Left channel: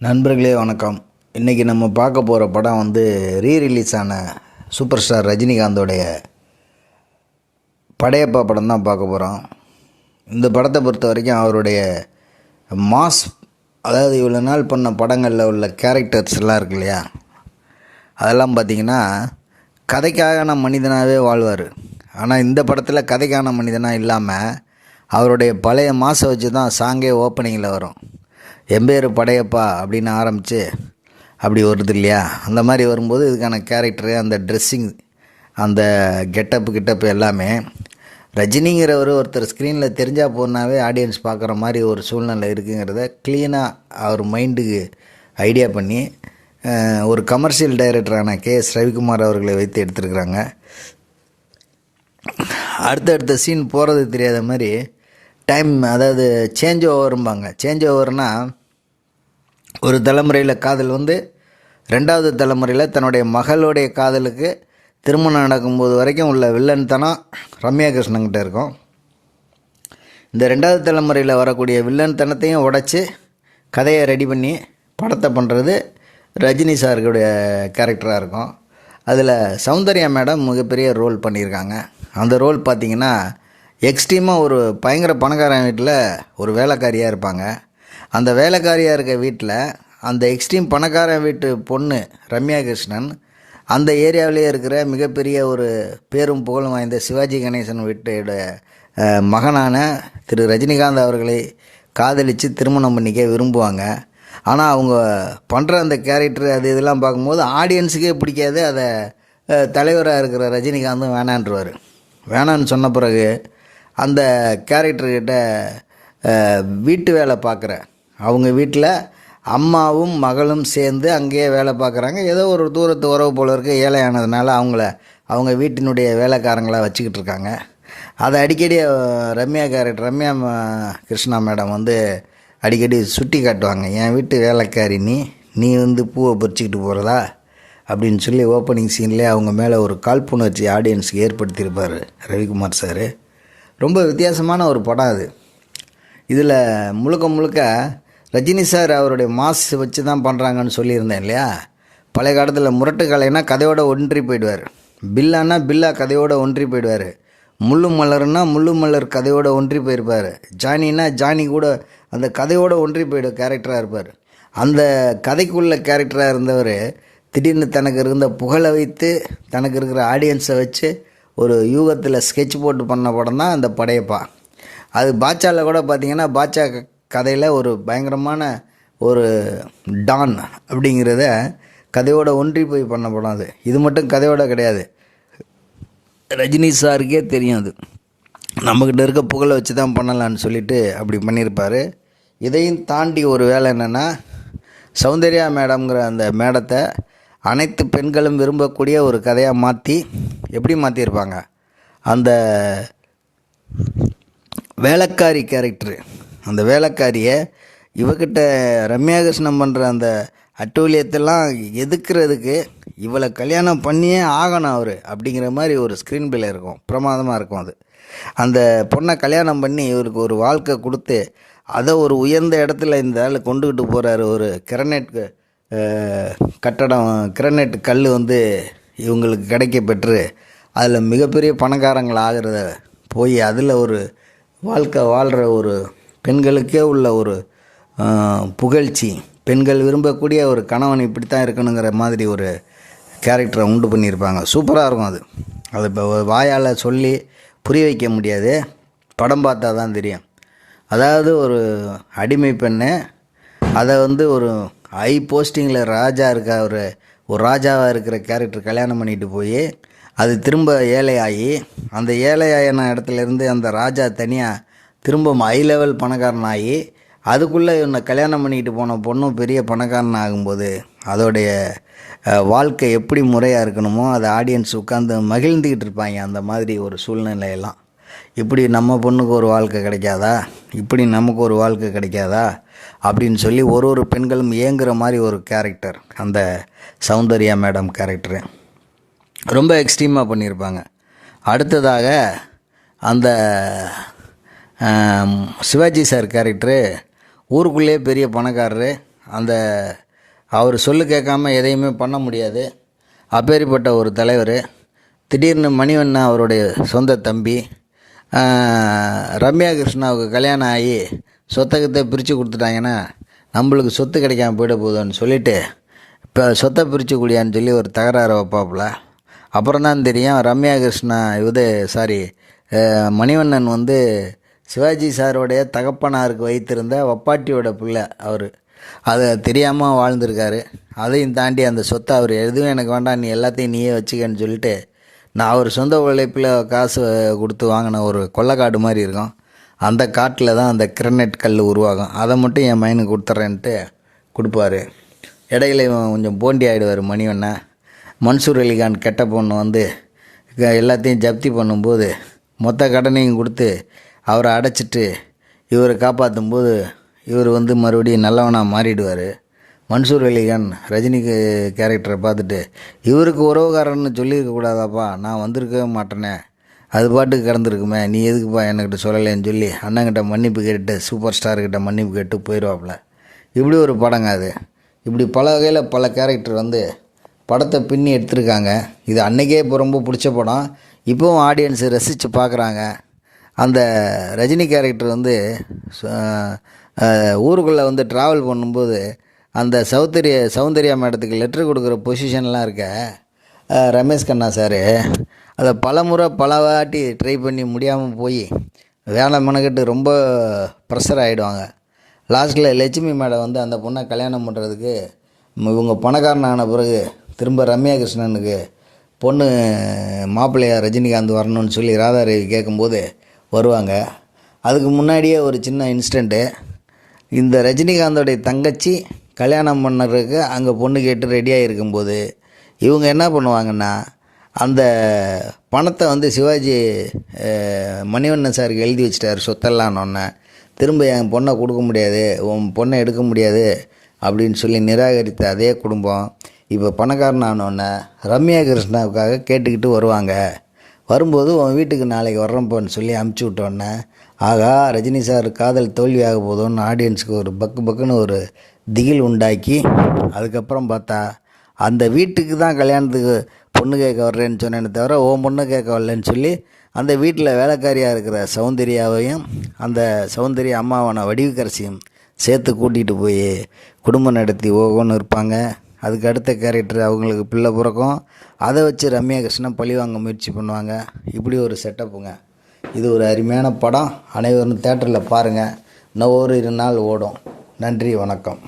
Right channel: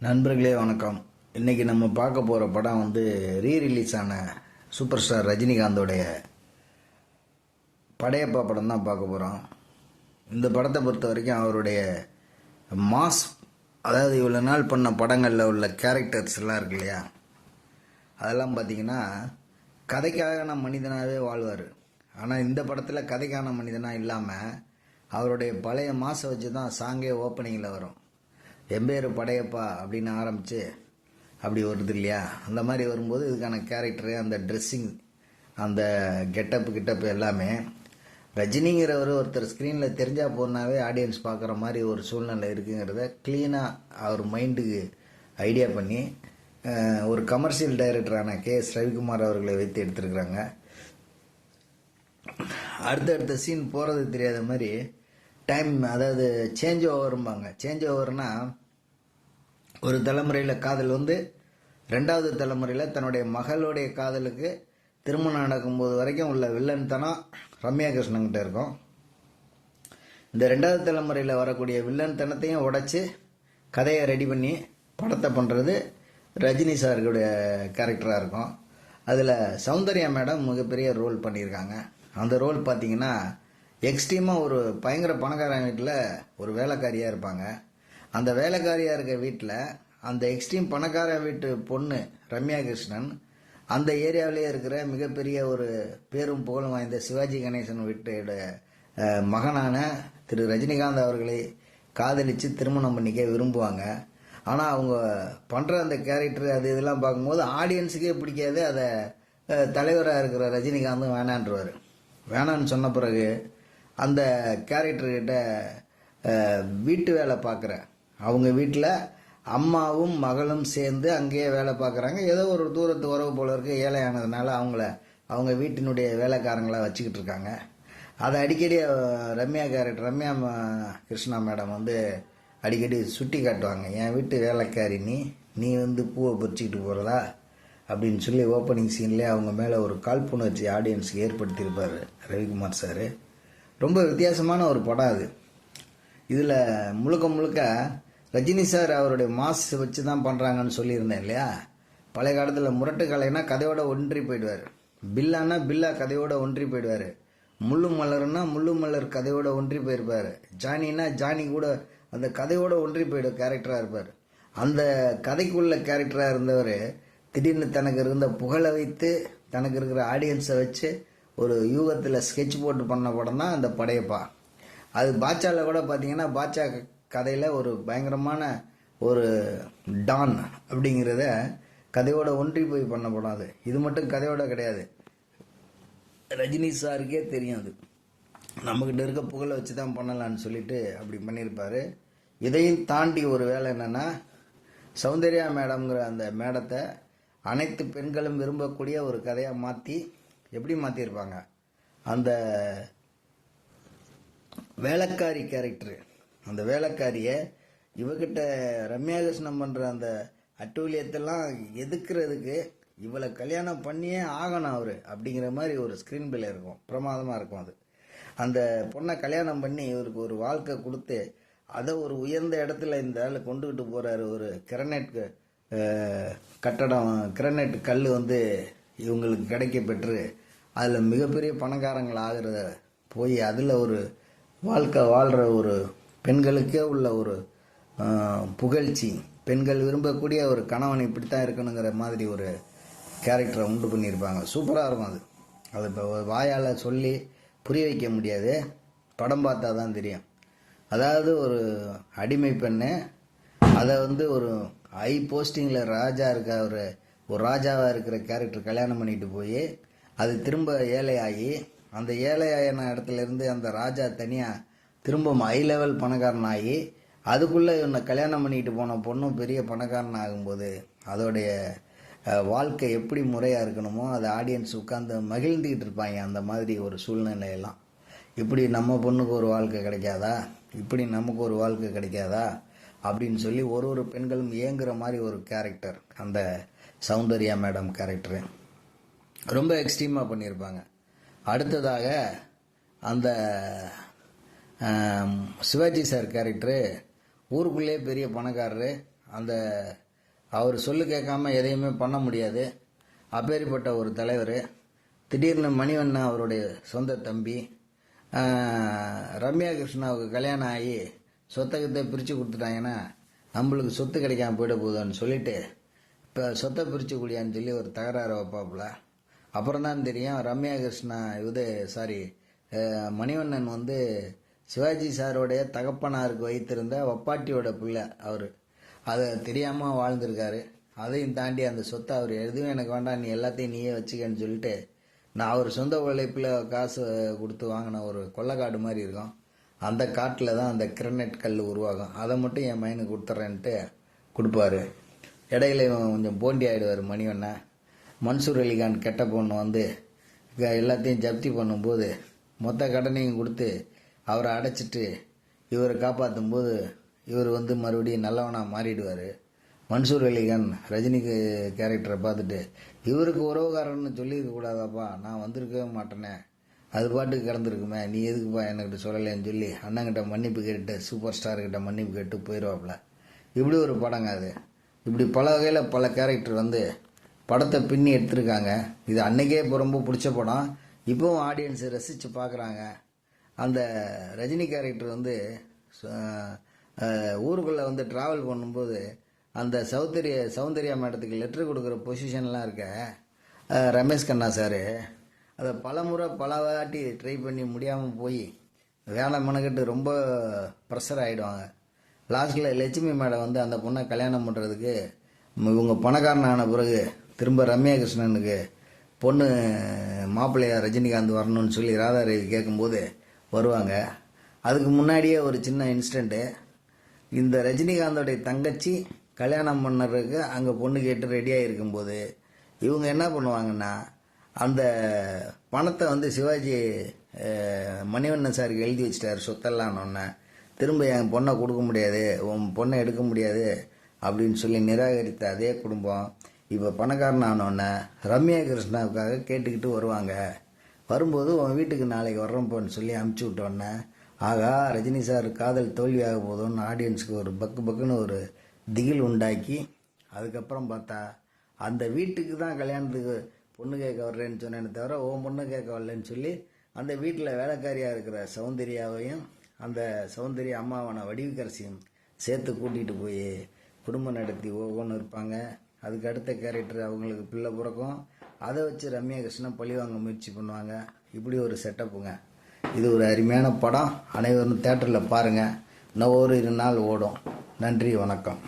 நண்பர்களே வணக்கம். இன்றைக்கி நம்ம பார்க்க போகிற படம் வந்து ரீ ரிலீஸ் ஆன சூப்பர் ஸ்டார் ரஜினிகாந்தோடைய படையப்பா படம் தான் பார்க்க போகிறோம் இந்த படத்தை பொறுத்த வரைக்கும் அவருடைய மாஸ் அதாவது இவ்வளோ நாள் பண்ண படங்களில் உள்ள கேரக்டர்ஸ் எல்லாம் இருக்கு இல்லையா? அதெல்லாம் பார்த்திங்கன்னா கதைக்கான மனிதனாகவே வாழ்வார். ஆனால் இந்த படத்தில் கதைக்கான மனிதனாக இல்லாமல் அவருடைய பழைய மாசை வச்சு தான் சாங்கே ஓப்பனிங்கில் வரும். எம்பேர் படையப்பா அப்படின்னு ஆரம்பித்து அப்படி வருது இல்லையா? அந்த மாதிரி வரும்போது இதுக்கான கேரக்டரு அந்த ட்ரெஸ்ஸிங் அந்த கெட்டப்பு கிட்டப்பு எல்லாமே ரஜினிங்கிறவர் ஒருத்தர் ஸ்க்ரீனில் தெரிஞ்சால் போனாவே ஆடியன்ஸ் பார்க்குற மாதிரி ஒரு சூழ்நிலை இருக்குங்கிறத க்ளீனாக அவர் மைண்டுக்கு ஐடியா பண்ணி ஒரு கமர்ஷியல் டைரக்டரான கே எஸ் ரவிக்குமார் அவர்களை வைத்து எடுத்திருக்கிறாங்க. அடுத்தடுத்த சீன் போகிறது தெரியாத மாதிரி டைம் அதாவது சேஞ்ச் ஓவரும்பாங்க சேஞ்ச் ஓவர்னால் ஒரு தலைமுறையில் காதல் வந்து ரெண்டாவது தலைமுறையில் தன்னுடைய மகளுடைய காதலுக்கு திருமணம் நடக்கும்போது வரைக்கும் உள்ள வில்லன்தனம் ரம்யா கிருஷ்ணன்கிட்ட இருக்கும். இந்த ரெண்டாவது தலைமுறையில் வரக்கூடிய வில்லன் தனத்தையும் உடைச்சி கதையை ரெடி பண்ணி படத்தை பண்ணுறது ரஜினி சாருடைய கேரக்டராக இருக்கும். அதில் சௌந்தர்யா மேடம் மிகப்பெரிய ரோல் பண்ணியிருக்காங்க. அந்த ரோல் பார்த்திங்கன்னா எக்ஸ்ட்ரீமாக ஒரு பயங்கர பணக்காரன் வீட்டில் ஒரு வேலைக்காரியாக இருப்பாங்க. அந்த வேலைக்காரியாக இருக்க வீட்டில் அந்த எக்ஸ்ட்ரீம் பணக்காரன் வீட்டு பொண்ணு ரம்யா கிருஷ்ணன் அந்த ஏரியாவிலேயே இருக்கிற மிகப்பெரிய ஒரு பேரும் புகழும் வாய்ந்த சிவாஜி கணேசன் வீட்டோட மகனான திரு ரஜினிகாந்த் அவர்களை காதலித்து திருமணம் பண்ணிக்க விரும்புவாங்க. ஆனால் அவங்க பண்ணுற அந்த கேரக்டர் அது இதெல்லாம் பார்க்கும்போது ஆடியன்ஸுக்கே பிடிக்காது. அதை தலைவராக இருக்கிற ரஜினிகாந்தும் வேணான்றவர். வேணான்னு சொன்ன பிறகு அந்த கேரக்டர்கிட்ட வீட்டு வேலை பார்க்குற அவங்க வீட்டில் அம்மாவும் மகளும் சேர்ந்து அங்கேயே வேலை பார்க்குறாங்க. ஏதோ ஒரு தூரத்து உறவு போல இருக்க. ஏழையானதுனால அவங்கள அவங்க வீட்டினுடைய வேலைக்காரங்களாக வச்சுக்கிட்டு இருக்காங்க. அதை அடிக்கடி ரம்யா கேரக்டர் ரம்யா கிருஷ்ணா மேடம் வந்து அடிக்கடி சுட்டி காட்டுவாங்க. என் வீட்டு வேலைக்காரி நீ நீ வந்து பூவை பறிச்சுக்கிட்டு போகிறதா அப்படின்னு சொல்லி ஓப்பனிங் சீன்லேயே அவங்க மேலே ஒரு காழ்ப்புணர்ச்சி ஆடியன்ஸுக்கு ஏற்படுத்தியிருப்பார் ரவிக்குமார் சார். ரொம்ப வித்தியாசமான ஒரு படம் அது. இதில் முழுக்க முழுக்க ரஜினி சார் அவருடைய மாஸ் வச்சு தான் பண்ணுறாங்கன்னு சொல்லியிருந்தேன் இல்லையா? பழைய காலத்தில் முரட்டு கலைனா கதையோட ஒன்றி போயிடுவார். பில்லானா பில்லா கதையோட ஒன்றி போயிடுவார். முள்ளு மலர்னா முள்ளு மலர் கதையோட ஒன்றி போயிருப்பார். ஜானினா ஜானி கூட அந்த கதையோட ஒன்றி போயிடும் கேரக்டராக இருப்பார். அந்த கதைக்குள்ள கேரக்டராக இருந்தவர் திடீர்னு தனக்கு இருந்த புகழை வைத்து தனக்கு இருக்கிற ஆடியன்ஸை வச்சு ஒரு யூகத்தில் ஸ்கெட்ச் போட்டு பண்ண படம் தான் அந்த படையப்பா. அது பாட்சாவில் கூட பார்த்தீங்கன்னா பாட்சா கதையில் ஒரு பயங்கரமான ஒரு டான் அப்படிங்கிறத கதையோட ஒன்றி போய் பண்ண படம் அது. இது மட்டும் கதையோட கிடையாது. ரஜினி சாருக்கே தெரியும் அது. நம்மக்கிட்ட இருக்க புகழை வச்சு தான் பண்ணலான்னு சொல்லிட்டு அப்படி பண்ணியிருப்பார். இதையும் தாண்டி ஒரு வேலை என்னென்னா சௌந்தர்யா மேடம்ங்கிற அந்த மேடத்தை அனைத்து பெண்களும் விரும்பக்கூடிய ஒரு கதையாக மாற்றி எப்படி மாற்றியிருப்பாங்க அந்த வேலைக்காரி கேரக்டரு. அந்த வேலைக்காரியை இவகிட்ட ரம்யா கிருஷ்ணன் பண்ணுற அந்த அட்டூழியத்தெல்லாம் எதுக்குறதுக்கு இவளை கல்யாணம் பண்ணியே ஆகணும் அவர் அப்படிங்கிற மாதிரி ஒரு ஸ்க்ரீன் பிளே இருக்கும். பிரமாதமாக இருக்கும் அது. அந்த பொண்ணை கல்யாணம் பண்ணி இவருக்கு ஒரு வாழ்க்கை கொடுத்து அதை ஒரு உயர்ந்த இடத்துல இந்த ஆள் கொண்டுக்கிட்டு போகிறாரு ஒரு கிரனைட் கட்டடம் கிரனைட் கல் வந்து இவங்களுக்கு கிடைக்க பெற்று அதில் மிகப்பெரிய பணக்காரங்கள் ஆகிறத போய் அதில் ஒரு வாழ்க்கை வாழ்கிற ஒரு பெண்களுக்கே உள்ள ஒரு புகழ்ச்சி. பெண்கள் விரும்பக்கூடிய ஒரு கணவன் இப்படி தான் இருக்கணுங்கிற மாதிரி ஒரு கேரக்டரை உண்டு பண்ணியிருப்பாங்க. சூப்பராக இருக்கும் அது. அது இப்போ வாயால் சொல்லி புரிய வைக்க முடியாது. படம் பார்த்தா தான் தெரியும். அதாவது ஒரு அடிமை பெண்ணு அதை வந்து ஒரு ஹை போஸ்டிங்கில் ராஜா இருக்க ஒரு ஒரு ராஜாவாக இருக்கிற கேரக்டர் கல்யாணம் பண்ணிட்டு போய் அது திரும்ப ஏழையாகி அந்த ஏழையாயின இடத்துலேருந்து அந்த ராஜா தனியாக திரும்ப ஹை லெவல் பணக்காரன் ஆகி அதுக்குள்ளே இவனை கல்யாணம் பண்ணிக்கிட்டு போன பொண்ணும் பெரிய பணக்காரன் ஆகும்போது அதோடைய வாழ்க்கை எப்படி முறையாக இருக்கணுமோ அதை ஆடியன்ஸ் உட்காந்து மகிழ்ந்துக்கிட்டு இருப்பாங்க அந்த மாதிரி ஒரு சூழ்நிலையெல்லாம். இப்படி நம்ம பொண்ணுக்கு ஒரு வாழ்க்கை கிடைக்காதா? இப்படி நமக்கு ஒரு வாழ்க்கை கிடைக்காதா? அப்படின்னு சொல்லி ஒரு ஒரு பெண்களும் ஏங்குற மாதிரி ஒரு கேரக்டர் அந்த சௌந்தர்யா மேடம் கேரக்டரு ரொம்ப எக்ஸ்ட்ரீமாக பண்ணியிருப்பாங்க. அடுத்ததாக அந்த சிவாஜி சார் கேரக்டரு ஊருக்குள்ளேயே பெரிய பணக்காரரு அந்த அவர் சொல்லு கேட்காம எதையுமே பண்ண முடியாது. அப்பேற்பட்ட ஒரு தலைவர் திடீர்னு மணிவண்ணா அவருடைய சொந்த தம்பி ரம்யா கிருஷ்ணாவுக்கு கல்யாணம் ஆகி சொத்தகத்தை பிரித்து கொடுத்துட்டாங்கன்னா நம்மளுக்கு சொத்து கிடைக்காம போயிட போகுதுன்னு சொல்லிட்டு இப்போ சொத்தை பிரித்து குடியான்னு சொல்லி ஒரு தகராறு வைப்பாப்புல. அப்புறம் தான் தெரியும் ரம்யா கிருஷ்ணா இது சாரி மணிவண்ணன் வந்து சிவாஜி சாரோடைய தகப்பனாருக்கு வைத்திருந்த வப்பாட்டியோட பிள்ளை அவர். அதை தெரியாமல் வாழ்ந்திருக்காரு. அதையும் தாண்டி அந்த சொத்தை அவர் எதுவும் எனக்கு வேண்டாம் நீ எல்லாத்தையும் நீயே வச்சுக்கன்னு சொல்லிட்டு நான் அவர் சொந்த உழைப்பில் காசு கொடுத்து வாங்கின ஒரு கொள்ளைக்காடு மாதிரி இருக்கும். அந்த காட்டில் தான் அந்த கிரனைட் கல் உருவாகும். அதை மட்டும் என் மைனுக்கு கொடுத்துட்றேன்ட்டு கொடுப்பாரு. இடையில இவன் கொஞ்சம் போண்டி ஆகிடுவார் மணிவண்ணன் மன்சூர் அலிகான் கெட்ட பொண்ணு வந்து க- எல்லாத்தையும் ஜப்தி பண்ணும்போது மொத்த கடனையும் கொடுத்து அவரை அடைச்சிட்டு இவரை காப்பாற்றும் போது இவர் வந்து மறுபடியும் நல்லவனாக மாறிடுவார். மன்சூர் அலிகான் ரஜினிக்கு கேரக்டரை பார்த்துட்டு இவருக்கு உறவுக்காரன்னு சொல்லியிருக்கக்கூடாதாப்பா நான் வந்திருக்கவே மாட்டேனே. அது பாட்டுக்கு கிடந்திருக்குமே நீ எதுக்குப்பா என்கிட்ட சொல்லலைன்னு சொல்லி அண்ணங்கிட்ட மன்னிப்பு கேட்டு சூப்பர் ஸ்டார்கிட்ட மன்னிப்பு கேட்டு போயிடுவாப்புல இப்படி ஒரு படங்க அது. இப்படி பல வகையில் பல கேரக்டர் வந்து படத்தை பின்னி எடுத்திருக்காங்க. இது அன்னைக்கே இப்போ ரொம்ப பிடிச்ச படம். இப்போவும் ஆடியன்ஸு ரசித்து பார்க்குறாங்க. அந்த ரஜினி கேரக்டர் வந்து ஊருக்குள்ளே வந்து ட்ராவல் பண்ணும்போது அந்த சௌந்தரிய சௌந்தர்யா மேடத்துக்கு லெட்ரு கொடுக்குற பொசிஷன்லாம் இருக்க ரமேஷ் கண்ணா சார் அதை பல முறை பல வாட்டி ட்ரை பண்ணி முடியாமல் போய் வேலை மெனக்கெட்டு ரொம்ப ப்ரெஷர் ஆகிடுவாங்க லாஸ்ட்டில் லட்சுமி மேடம் வந்து அந்த பொண்ணை கல்யாணம் பண்ணுறதுக்கு இவங்க பணக்காரன் ஆன பிறகு திரும்ப ரம்யா கிருஷ்ணனுக்கு பொண்ணு மாப்பிள்ளையா ரஜினிகாந்த் வரணும்னு சொல்லி ராதாரவி கேட்கும்போது வருவாங்க. அதுக்கு முன்னாடியே ஒரு சின்ன இன்ஸ்டண்ட்டு இந்த ரஜினிகாந்தோடைய தங்கச்சி கல்யாணம் பண்ணுறதுக்கு அங்கே பொண்ணு கேட்டு ரெடியாக இருக்கும்போது இவங்க என்ன பண்ணுவாங்கன்னா அந்த பணத்தை வந்து சிவாஜி மணிவண்ணன் சாருக்கு எழுதி வச்சிட்டார் சொத்தெல்லாம்னொன்னே திரும்ப என் பொண்ணை கொடுக்க முடியாது உன் பொண்ணை எடுக்க முடியாது அப்படின்னு சொல்லி நிராகரித்த அதே குடும்பம். இப்போ பணக்காரன் ஆனோடனே ரம்யா கிருஷ்ணாவுக்காக கேட்டுக்கிட்டு வருவாங்க. வரும்போது உன் வீட்டுக்கு நாளைக்கு வர்றப்போன்னு சொல்லி அமுச்சு விட்டோன்னே ஆகா ரஜினி சார் காதல் தோல்வியாக போதும்னு ஆடியன்ஸுக்கு ஒரு பக்கு பக்குன்னு ஒரு திகில் உண்டாக்கி அதுக்கப்புறம் பார்த்தா அந்த வீட்டுக்கு தான் கல்யாணத்துக்கு பொண்ணு கேட்க வர்றேன்னு சொன்னேன்னு தவிர ஓ பொண்ணு கேட்க வரலன்னு சொல்லி அந்த வீட்டில் வேலைக்காரியாக இருக்கிற சௌந்தர்யாவையும் அந்த சௌந்தரிய அம்மாவான வடிவுக்கரசியும் சேர்த்து கூட்டிகிட்டு போய் குடும்பம் நடத்தி ஓகோன்னு இருப்பாங்க. அதுக்கு அடுத்த கேரக்டர் அவங்களுக்கு பிள்ளை பிறக்கும். அதை வச்சு ரம்யா கிருஷ்ணன் பழிவாங்க முயற்சி பண்ணுவாங்க. இப்படி ஒரு செட்டப்புங்க இது ஒரு அருமையான படம். அனைவரும் தேட்டரில் பாருங்கள் இன்னும் ஒரு இரு நாள் ஓடும். நன்றி வணக்கம்.